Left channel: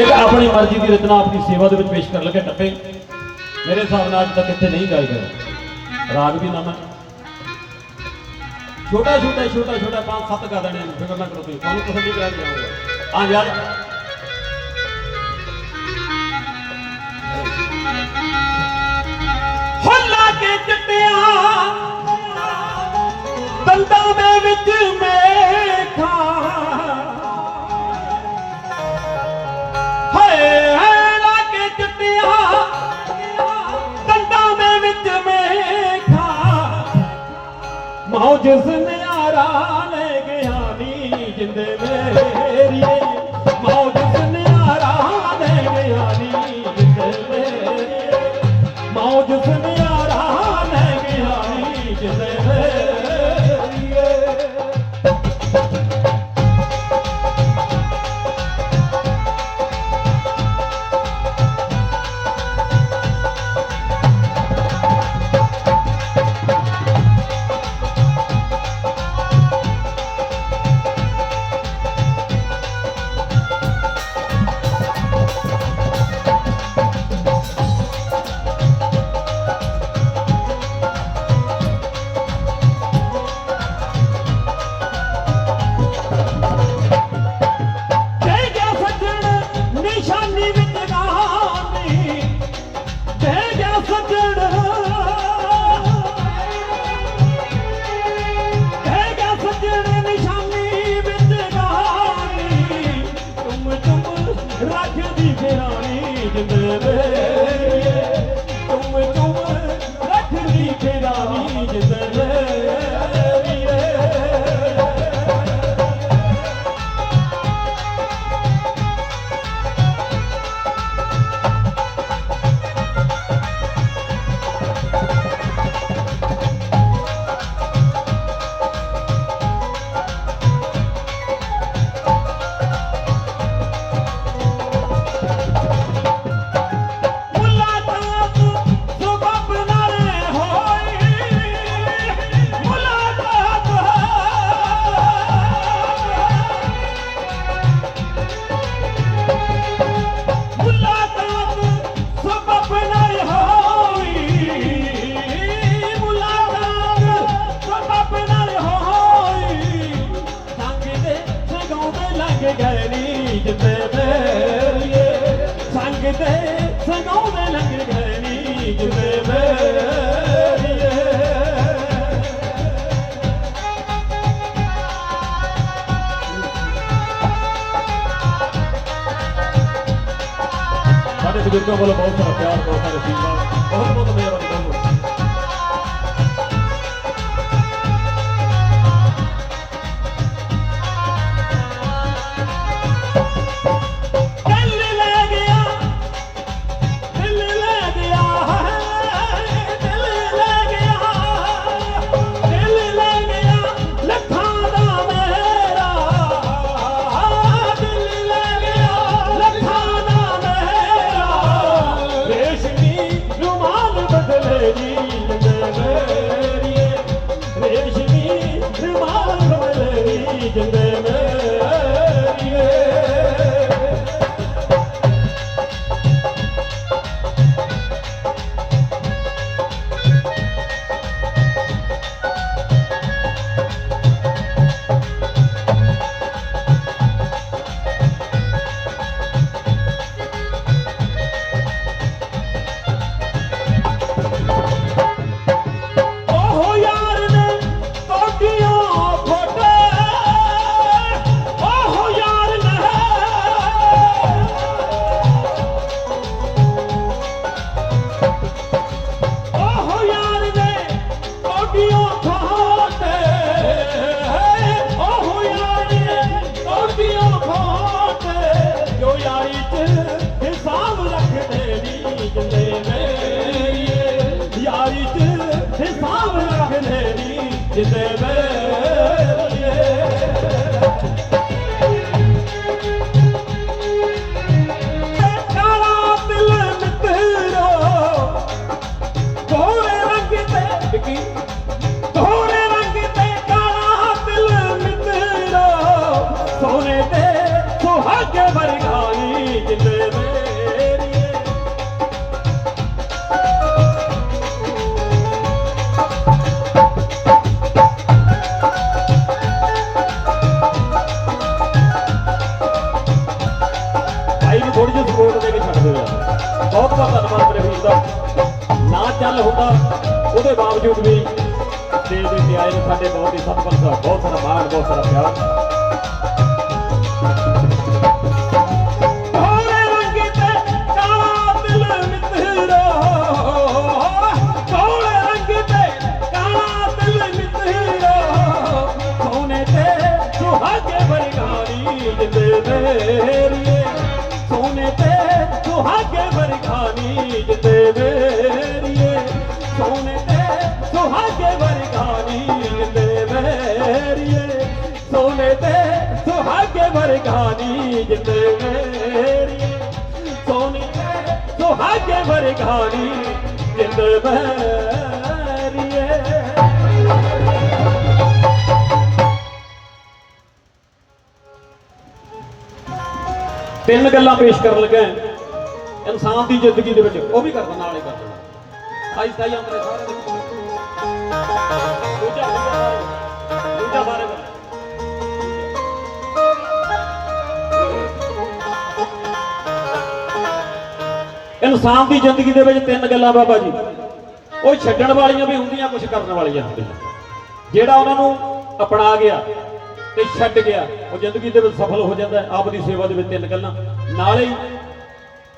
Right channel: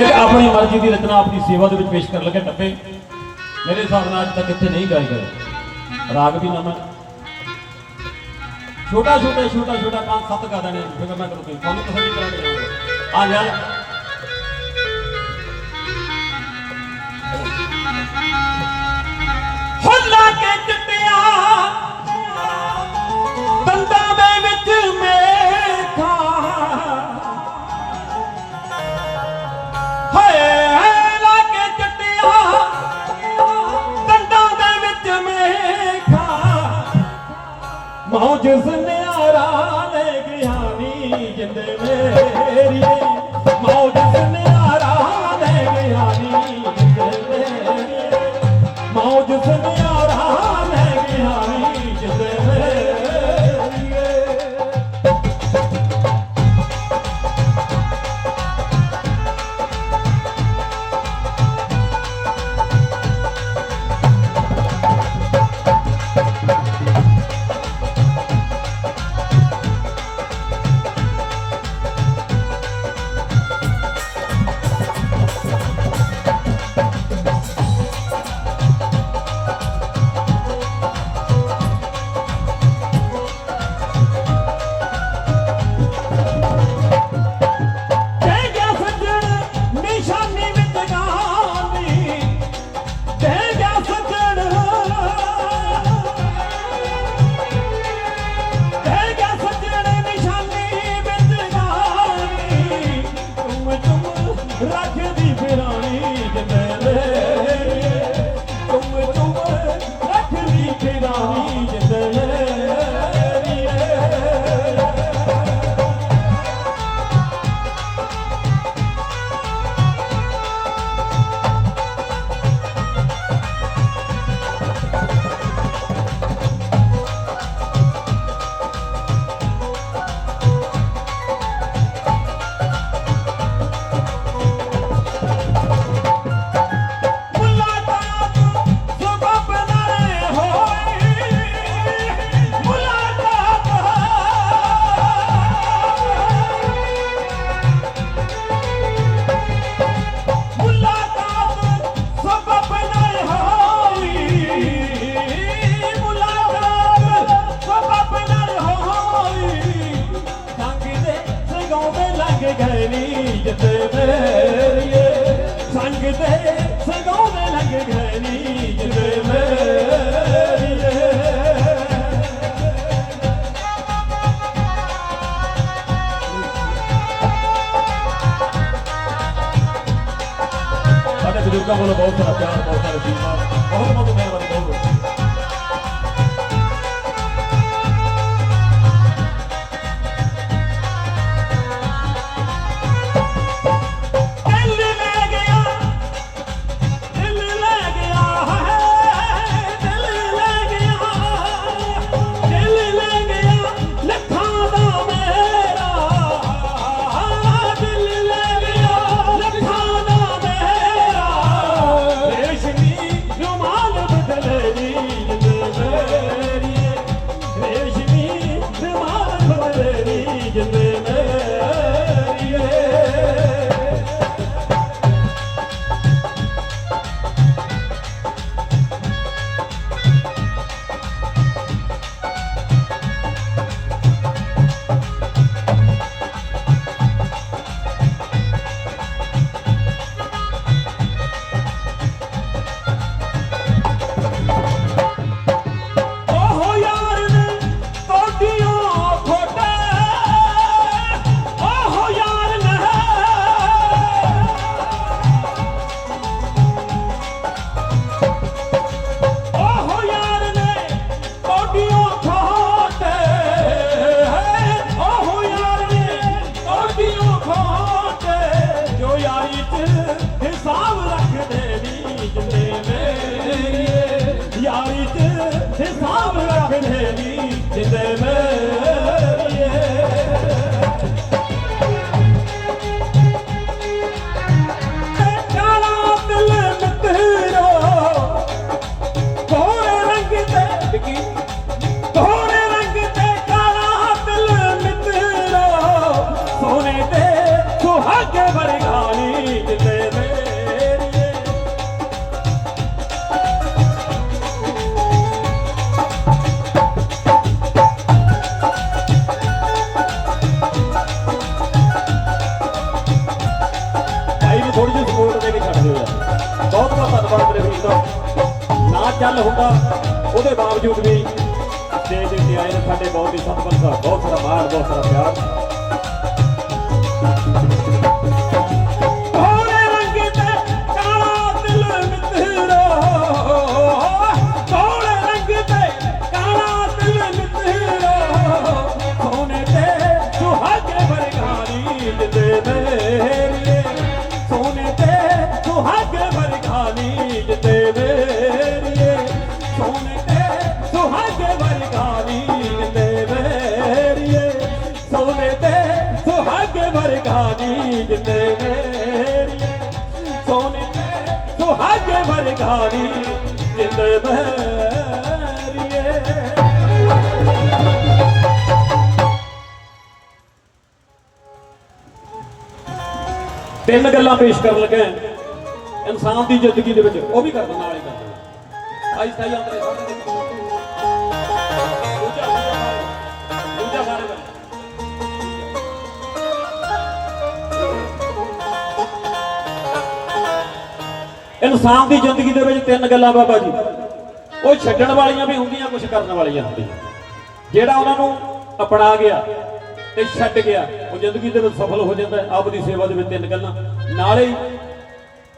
ਇੱਕ ਆਪਣੀ ਮਰਜ਼ੀ ਦੀ ਰਚਨਾ ਆਪਣੀ ਸੇਵਾ ਦੇ ਵਿੱਚ ਪੇਸ਼ ਕਰਨ ਲੱਗੇ ਟੱਪੇ। ਮੇਰੇ ਹਿਸਾਬ ਨਾਲ ਅੱਜ ਤੱਕ ਇੱਥੇ ਨਹੀਂ ਗਾਏ ਗਏ। ਰਾਗ ਵੀ ਨਾ ਮੈਂ ਛੋਟਾ ਛੋਟਾ ਛੋਟਾ ਛੋਟਾ ਪੰਜ ਸੱਤ ਗਾ ਦੇਣੇ ਨੇ। ਮੈਂ ਕਰੋ ਤੁਹਾਨੂੰ ਤਸੱਲੀ ਕਰਾ ਕੇ ਜਾਊਂਗਾ ਹਾਂ ਯਾਰ। ਹੁੱਲਾ ਕੇ ਚਿੱਟਿਆ। ਦੰਦਾਂ ਦੇ ਵਿੱਚ ਮੇਖਾਂ ਜਿਸ ਸੁਨਿਆਰਾ ਲੈ ਗਿਆ ਨੀ ਜਿੰਦੇ ਮੇਰੀ ਸਾਡੇ ਬਜ਼ੁਰਗਾਂ ਕੋਲ ਬਹੁਤ ਸਾਰਾ ਪਿਆਰ ਬਹੁਤ ਸਾਰਾ ਅਸ਼ੀਰਵਾਦ ਬਹੁਤ ਬਹੁਤ ਉਹਦੇ ਵੀ ਸਟੇਜ ਦੇ ਉੱਤੇ ਆਏ ਨੇ ਸਾਡੇ ਬਹੁਤ ਹੀ ਸਤਿਕਾਰ ਸਾਹਿਬ, ਬਹੁਤ ਸਾਰਾ ਮਾਣ, ਬਹੁਤ ਸਾਰਾ ਪਿਆਰ। ਕਾਲੇ ਸੁਹਾਗੇ ਵਰਗਾਨੀ ਜਿੰਦੇ ਤਿੰਨ ਗੱਲਾਂ ਪੇਸ਼ ਕਰਨ ਲੱਗਾ ਇਨਸਾਨ ਦੀ ਜ਼ਿੰਦਗੀ ਦੇ ਵਿੱਚ ਉਹ ਵੀ ਕਰ ਦਿੰਦਾ, ਨਾਲੇ ਕਰ ਦਿੰਦਾ। ਆਈ ਸਾਈ ਆਪਣੇ ਸਾਰੇ ਇਨਸਾਨ ਦੀ ਜ਼ਿੰਦਗੀ ਦੇ ਵਿੱਚ ਤਿੰਨ ਗੱਲਾਂ ਬਾਬਾ ਜੀ। ਉਹ ਛੱਡਣ ਵਾਲੀਆਂ ਵੀ ਹੁੰਦੀਆਂ ਕੁਝ ਕਰਨ ਵਾਲੀਆਂ ਹੁੰਦੀਆਂ। ਜਿਹੜਾ ਉਹਨਾਂ ਨੂੰ ਅਪਣਾ ਗਿਆ ਤੇ ਛੱਡ ਗਿਆ, ਉਹ ਜ਼ਿੰਦਗੀ ਦੇ ਵਿੱਚ ਸਫਲ ਹੋ ਜਾਂਦਾ ਹੈ ਆਪਣੀ ਸੇਵਾ ਦੇ ਵਿੱਚ ਤਿੰਨ ਗੱਲਾਂ। ਨਾਲੇ ਹੀ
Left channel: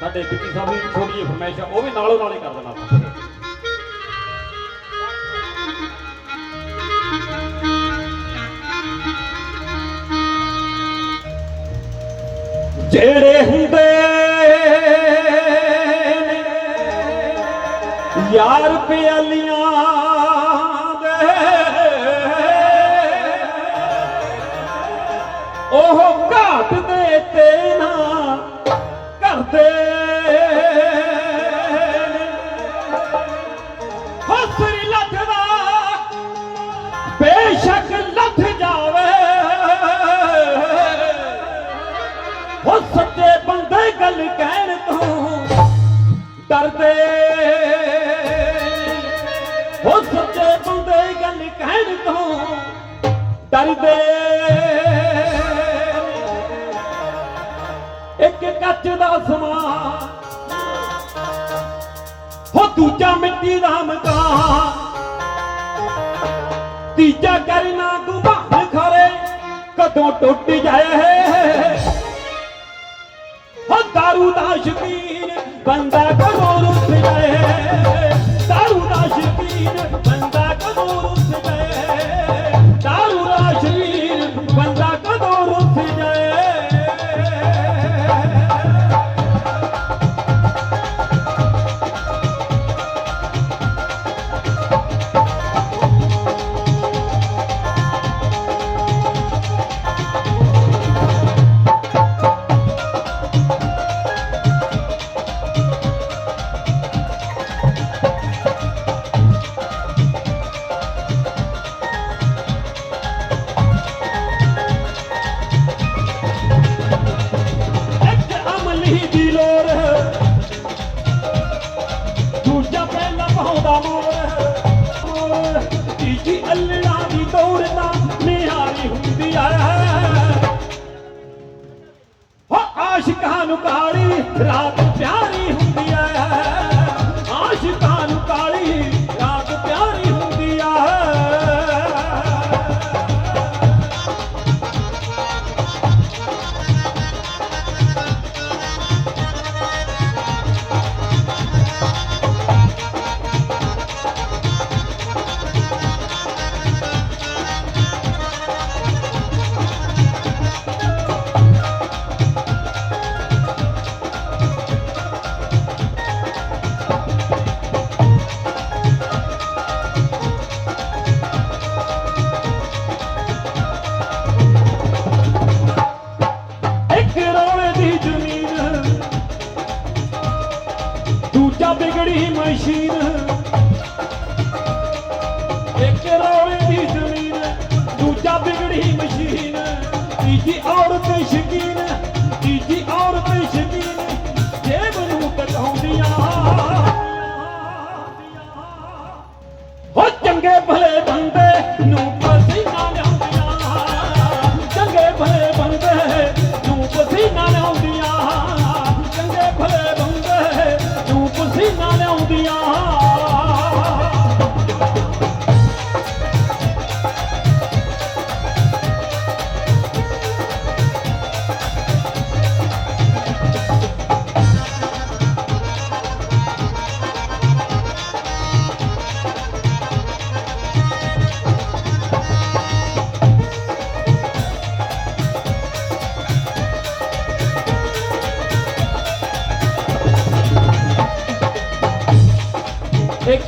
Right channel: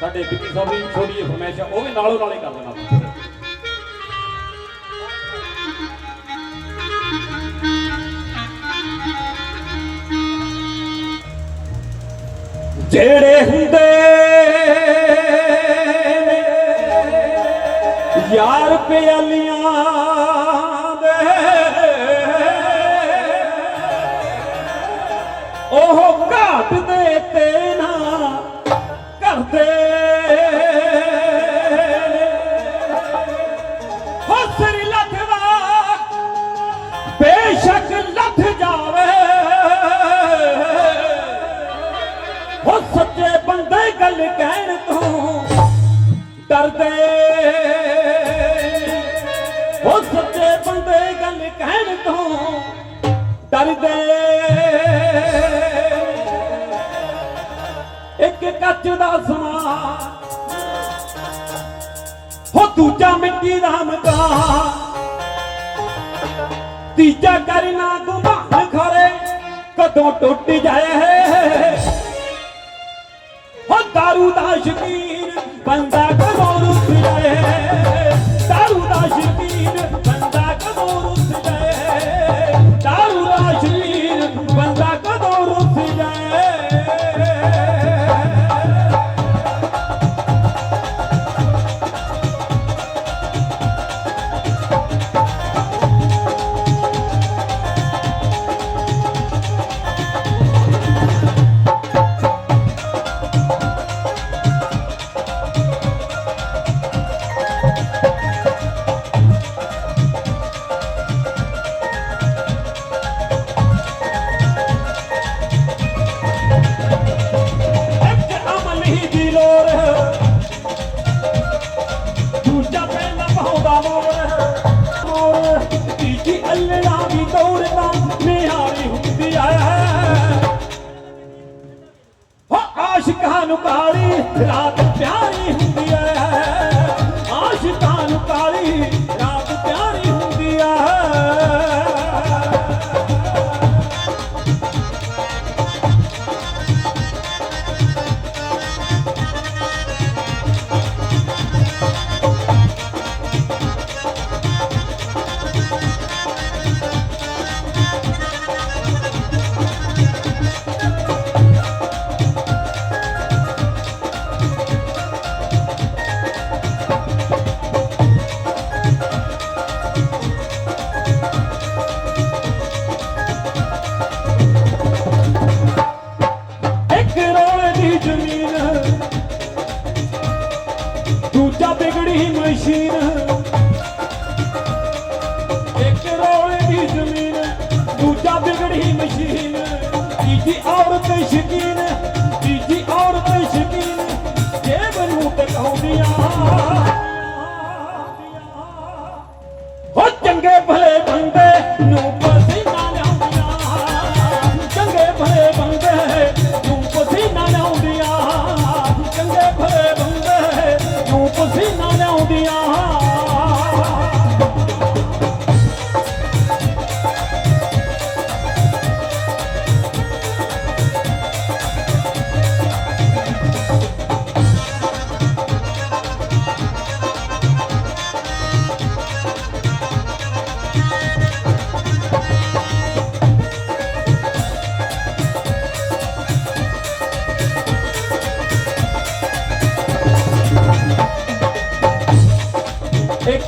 ਸਾਡੇ ਵਿੱਕੀ ਸਾਹਿਬ ਦੀ ਛੋਟੀ ਜਿਹੀ ਫਰਮਾਇਸ਼ ਉਹ ਵੀ ਨਾਲੋਂ ਨਾਲੇ ਕਰ ਦੇਣਾ ਜਿਹੜੇ ਹੁੰਦੇ ਯਾਰ ਪਿਆਲੀਆਂ ਦੂਜਾ ਮਿੱਟੀ ਦਾ ਮਕਾਨ ਤੀਜਾ ਕਰਨਾ ਗੁਬਾਨ ਖਰੇ ਕਦੋਂ ਟੁੱਟ ਜਾਏ ਹੋ ਦਾਰੂ ਦਾ ਸ਼ਕੀਨ ਬੰਦਾ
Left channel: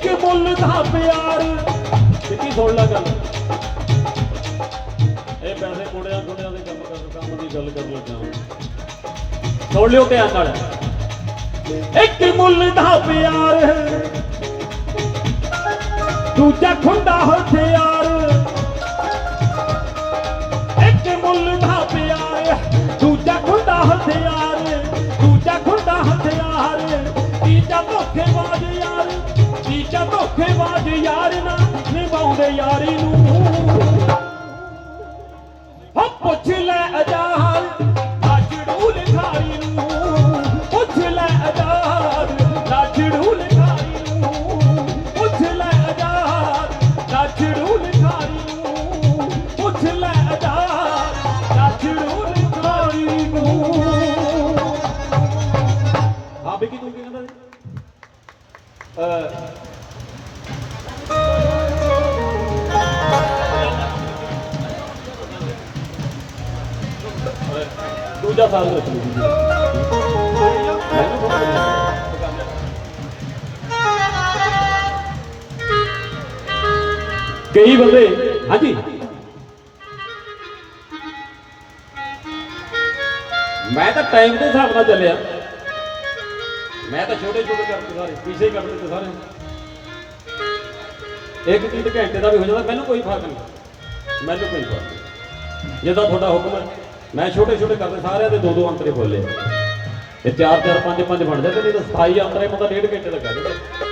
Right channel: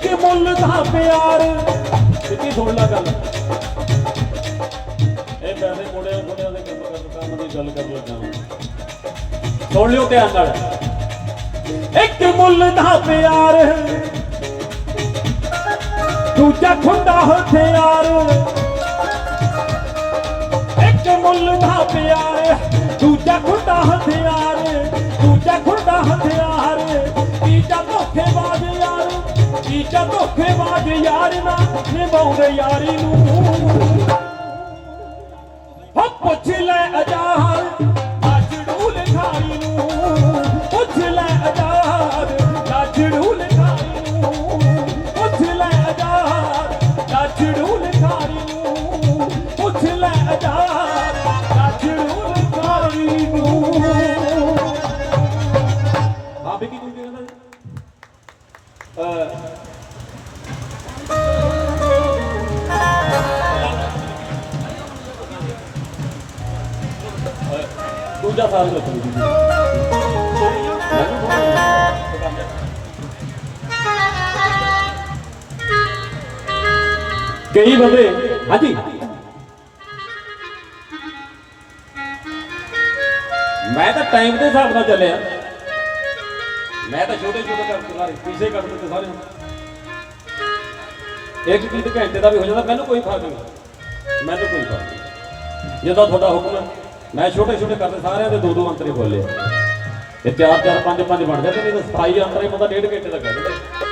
ਮੁੱਲ ਦਾ ਪਿਆਰ। ਸਿੱਧੀ ਸੁਣ ਲੈ ਗੱਲ। ਇਹ ਪੈਸੇ ਮੋੜਿਆ ਥੋੜਿਆਂ ਦੇ ਕੰਮ ਕਰ ਕੰਮ ਦੀ ਗੱਲ ਕਰ ਲੱਗਾ ਸੁਣ ਲਿਓ ਧਿਆਨ ਨਾਲ। ਇੱਕ ਮੁੱਲ ਦਾ ਪਿਆਰ। ਦੂਜਾ ਖੁੰਡਾ ਹਥਿਆਰ। ਇੱਕ ਮੁੱਲ ਦਾ ਪਿਆਰ। ਦੂਜਾ ਖੁੰਡਾ ਹਥਿਆਰ। ਤੀਜਾ ਧੋਖੇਬਾਜ਼ ਯਾਰ ਨਾ ਨਿਭਾਉਂਦੇ ਯਾਰੀ ਨੂੰ। ਕਈ ਬੰਦੇ। ਹਾਂਜੀ। ਮੈਂ ਤਾਂ ਟਾਈਮ ਦੇ ਹਿਸਾਬ ਨਾਲ ਚੱਲਿਆ। ਮੈਂ ਤਾਂ ਛੋਟੇ ਛੋਟੇ ਕਰਦੇ ਸਾਰੇ ਪਿੱਛੇ ਕਰ ਦਿੱਤੇ ਸਾਰੇ ਇੱਕ ਚੀਜ਼ ਘੰਟੇ ਦਾ ਵੀ ਹੋ ਜਾਂਦਾ, ਮੈਨੂੰ ਕੋਈ ਫ਼ਰਕ ਨਹੀਂ। ਮੈਨੂੰ ਕੋਈ ਫ਼ਰਕ ਨਹੀਂ। ਜਿੱਦਾਂ ਤੁਹਾਡਾ ਹੁਕਮ ਹੈ, ਮੈਂ ਛੋਟੇ ਛੋਟੇ ਕਰਦੇ ਸਾਰਿਆਂ ਦੇ ਦੋ ਦੋ ਅੰਤਰੇ ਬੋਲੇ। ਤੇ ਚਾਰ ਚਾਰ ਪੰਜ ਪੰਜ ਬਣ ਜਾਂਦੇ ਨਹੀਂ ਤਾਂ ਸਥਾਈ ਅੰਤਰੇ ਬੰਦਾ ਡੇਢ ਘੰਟੇ ਦਾ ਕਰ ਦਿੰਦਾ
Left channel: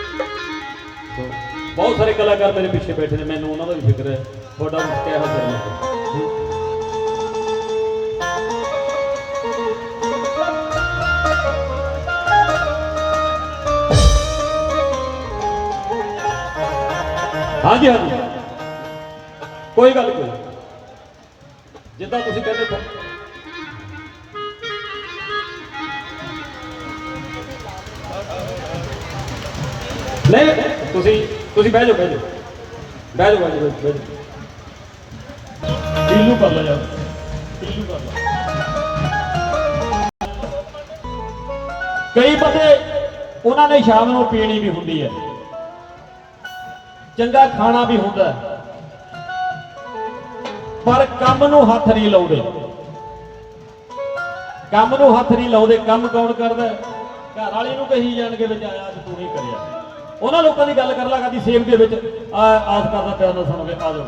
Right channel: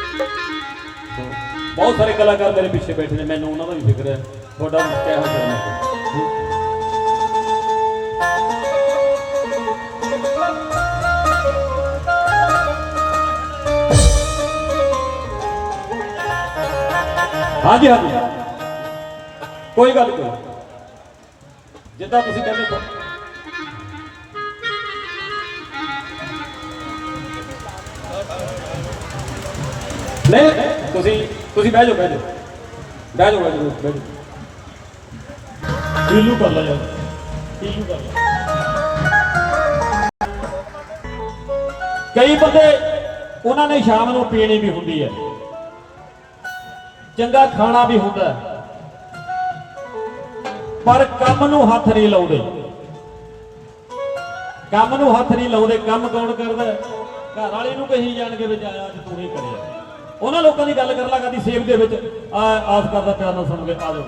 ਬਹੁਤ ਸਾਰੇ ਕਲਾਕਾਰ ਮੇਰੇ ਪਿੱਛੇ ਬੈਠੇ ਨੇ, ਮੈਨੂੰ ਉਹਨਾਂ ਦਾ ਵੀ ਫਿਕਰ ਹੈ। ਤੁਹਾਡਾ ਵੀ ਕਿਹਾ ਕਰਨਾ ਹਾਂਜੀ ਹਾਂਜੀ। ਕੋਈ ਗੱਲ ਨਹੀਂ ਜਿੱਦਾਂ ਤੁਸੀਂ ਕਹਿੰਦੇ ਹੋ। ਨਹੀਂ, ਤੁਸੀਂ ਤੁਸੀਂ ਬਹਿ ਜਾਓ ਬਹਿ ਜਾਓ। ਬਹਿ ਜਾਓ ਬਹਿ ਜਾਓ ਬਹਿ ਜਾਓ। ਢੀਲੂ ਕਰ ਲਾ ਯਾਰ। ਢੀਲੂ ਕਰ ਲਾ। ਕਈ ਬੰਦੇ ਉਹਨਾਂ ਨੇ ਸ਼ਾਮ ਨੂੰ ਪੀਣੀ ਵੀ ਹੁੰਦੀ ਹੈ। ਚੰਗਾ ਖਾਣਾ ਵੀ ਹੁੰਦਾ ਪਰ ਕੰਮ ਨੂੰ ਹੱਥ ਨਹੀਂ ਲਾਉਂਦੇ। ਕੰਮ ਨੂੰ ਹੱਥ ਨਹੀਂ ਲਾਉਂਦੇ। ਕੰਮ ਕੌਣ ਕਰਦਾ ਘਰ ਵਾਲੇ ਨੂੰ ਕਹੀ ਜਾਣਗੇ ਵਿੱਚ ਆਇਆ ਅੱਜ ਤੂੰ ਨਹੀਂ ਕਰਿਆ। ਉਹਨਾਂ ਲੋਕਾਂ ਦੀ ਗੱਲ ਕਰ ਲਾ ਕਦੀ ਸੇਵ ਦੇ ਵਿੱਚ। ਆ ਆਸ ਕਰਦਾ ਪਿਆਰ ਨਾਲ ਸੁਣੋਗੇ ਆ ਜਾਓ।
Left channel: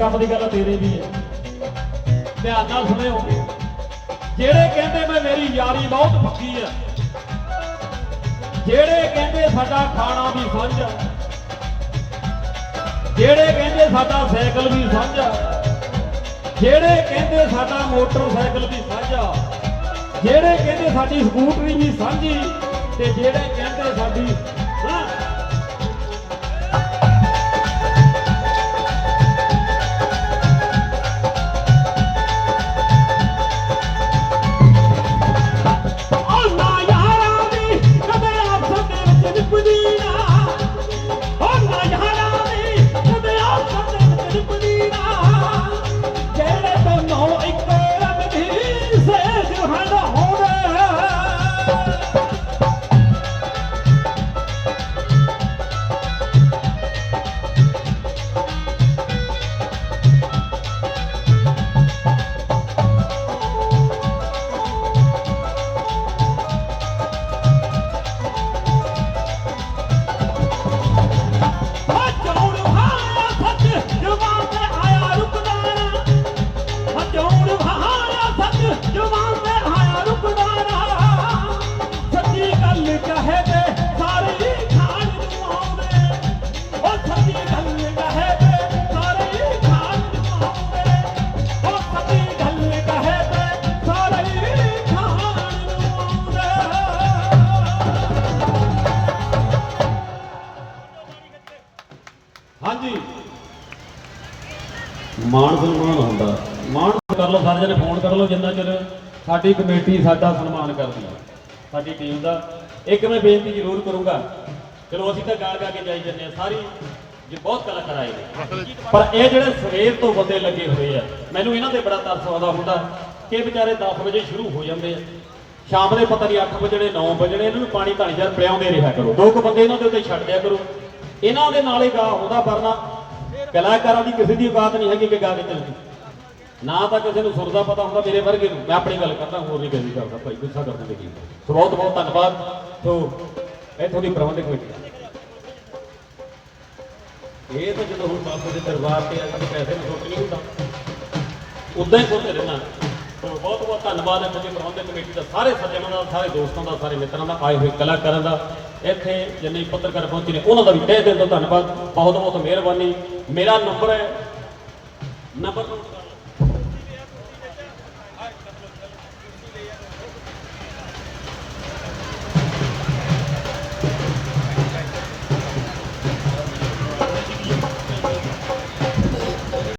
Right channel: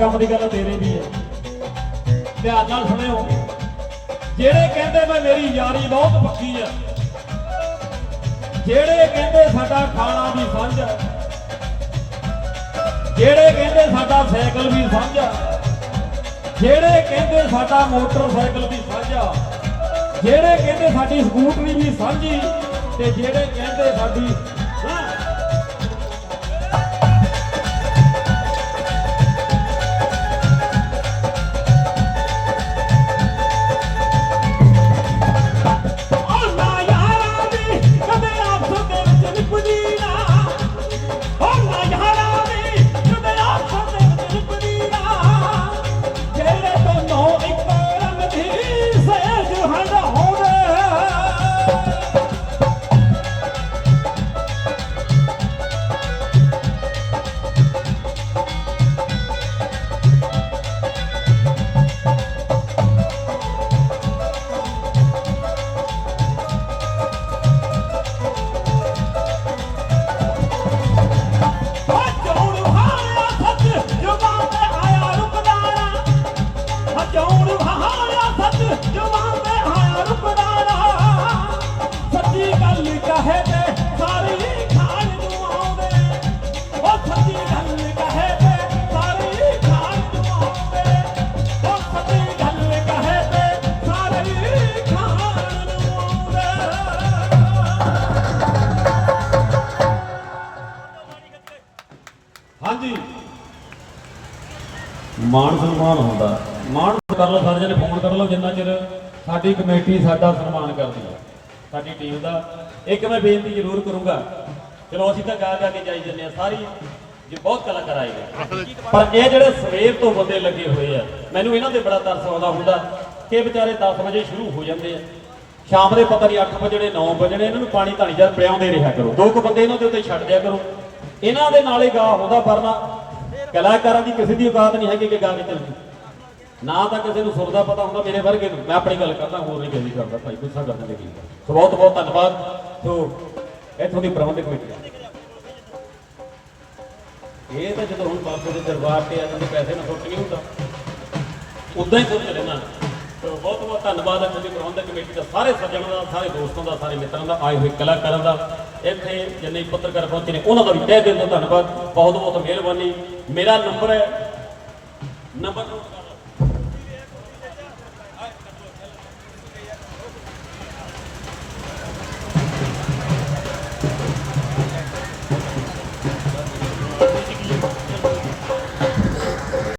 ਕੰਮ ਦੀ ਗੱਲ ਤੇਰੇ ਵੀ ਹੈ। ਧਿਆਨ ਨਾਲ ਸੁਣਿਓ। ਜਿਹੜੇ ਕਹਿੰਦੇ ਮੈਂ ਮੇਰੀ ਯਾਰੀ ਬਹੁਤ ਪੱਕੀ ਹੈ, ਜਿਹੜੇ ਕਹਿੰਦੇ ਸਾਡਾ ਖਾਣਾ ਵੀ ਸਾਂਝਾ ਜਿਹੜੇ ਕਹਿੰਦੇ ਸਾਡਾ ਸਾਈਕਲ ਵੀ ਸਾਂਝਾ ਜਿਹੜੇ ਕਹਿੰਦੇ ਸਾਡਾ ਮੋਟਰਸਾਈਕਲ ਵੀ ਸਾਂਝਾ ਜਿਹੜੇ ਕਹਿੰਦੇ ਸਾਡੀ ਸਕੂਟਰੀ ਵੀ ਸਾਂਝੀ ਤੇ ਜਿਹੜੇ ਕਹਿੰਦੇ ਸਾਡੀ ਮਾਣ ਸਨਮਾਨ ਹੁੰਦਾ। ਮਾਣ ਕਰ ਲਓ, ਸਾਰੇ ਜਣੇ ਫੋਨ ਕਰ ਲਓ, ਜਿੰਨਾ ਚਿਰ ਸਾਡੀ ਕਮੇਟੀ ਸਾਡਾ ਸਨਮਾਨ ਕਰਦੀ ਹੈ, ਸਾਡੀ ਟੀਮ ਦਾ। ਇੱਕ ਮੈਂ ਬੇਨਤੀ ਜ਼ਰੂਰ ਕਰੂੰਗਾ, ਚਲੋ ਅਸੀਂ ਤਾਂ ਗਾ ਗਾ ਕੇ ਜਾਈ ਜੰਨੇ ਆ ਸਾਰੀ ਜੇ ਬਹੁਤ ਕਲਾਕਾਰ ਆਏ ਨੇ। ਪਰ ਇਹ ਜਿਹੜੇ ਸਵੇਰ ਤੋਂ ਬੰਦੇ ਲੱਗੇ ਹੋਏ ਆ, ਮੈਨੂੰ ਇਹਨਾਂ ਦੇ ਬੜਾ ਤਰਸ ਆਉਂਦਾ ਹੁੰਦਾ ਕਿ ਵਿਚਾਰੇ 10 ਵਜੇ ਸ਼ੁਰੂ ਹੋ ਜਾਂਦੇ ਆ। ਸ਼ਾਮ ਦੇ ਪਤਾ ਨਹੀਂ 8 ਵਜਣੇ 9 ਵਜਣੇ ਇਹਨਾਂ ਨੂੰ ਪਾਣੀ ਧਾਣੀ ਜਰ ਪਿਆਉਂਦੇ ਰਿਹਾ ਕਰੋ। ਦੋ ਕੁ ਬੰਦੇ ਇਹਨਾਂ ਦੇ ਉੱਤੇ ਛੱਡ ਦਿਆ ਕਰੋ। ਇਹਨਾਂ ਦੇ ਨਾਲੇ ਗਾ ਹੁੰਦਾ ਵਰਨਾ ਕਲਾਕਾਰਾਂ ਦੀ ਕਿਸੇ ਦੀ ਔਕਾਤ ਨਹੀਂ ਹੈਗੀ ਕਿ ਗਾ ਕੇ ਚੱਲਦੀ ਨਾ ਤਾਂ ਕਿਸੇ ਨੂੰ ਸੁਰ ਦਾ ਪਤਾ ਹੁੰਦਾ ਮੇਰੇ ਵਰਗੇ ਨੂੰ। ਮੈਂ ਆਪਣੀ ਗੱਲ ਕਰਦਾ, ਹੋਰ ਨਹੀਂ ਕਹਿੰਦੀ ਕਰਦਾ। ਭਾਈ, ਗੁੱਸਾ ਕਰਨ ਦੀ ਕੀ ਗੱਲ। ਸੋ ਬਹੁਤ ਬਹੁਤ ਧੰਨਵਾਦ। ਸੋ ਇੱਥੋਂ ਦੀ ਪ੍ਰਬੰਧਕ ਕਮੇਟੀ। ਇਹ ਤਾਂ ਜਦੋਂ ਹੁਣ ਬਾਪੂ ਦੇ ਦਰਬਾਰ ਤੇ ਇਹਨਾਂ ਦੇ ਪੈਸੇ ਨੂੰ ਸੁੱਕ ਨਹੀਂ ਹੁੰਦਾ। ਉਦਾਂ ਹੀ ਸੋਚ ਰਹਿਣਾ ਸੋ ਬਹੁਤ ਬਹੁਤ ਧੰਨਵਾਦ ਹੈ ਤੁਹਾਡੀ ਪ੍ਰਬੰਧਕ ਕਮੇਟੀ ਦਾ, ਸਾਰੇ ਸੱਜਣਾਂ ਦਾ, ਸਾਰੇ ਦੋਸਤਾਂ ਦਾ, ਸਾਰੇ ਮਿੱਤਰਾਂ ਦਾ, ਆਏ ਹੋਏ ਕਲਾਕਾਰਾਂ ਦਾ। ਇੱਥੇ ਜਿੰਨੇ ਪੱਤਰਕਾਰ ਪਹੁੰਚੇ ਨੇ, ਉਹਨਾਂ ਦਾ ਵੀ ਤਹਿ ਦਿਲ ਤੋਂ ਧੰਨਵਾਦ। ਬਹੁਤ ਬਹੁਤ ਮਿਹਰਬਾਨੀ। ਮੇਰਾ ਨੰਬਰ ਹੈ ਨੰਬਰ ਨੋਟ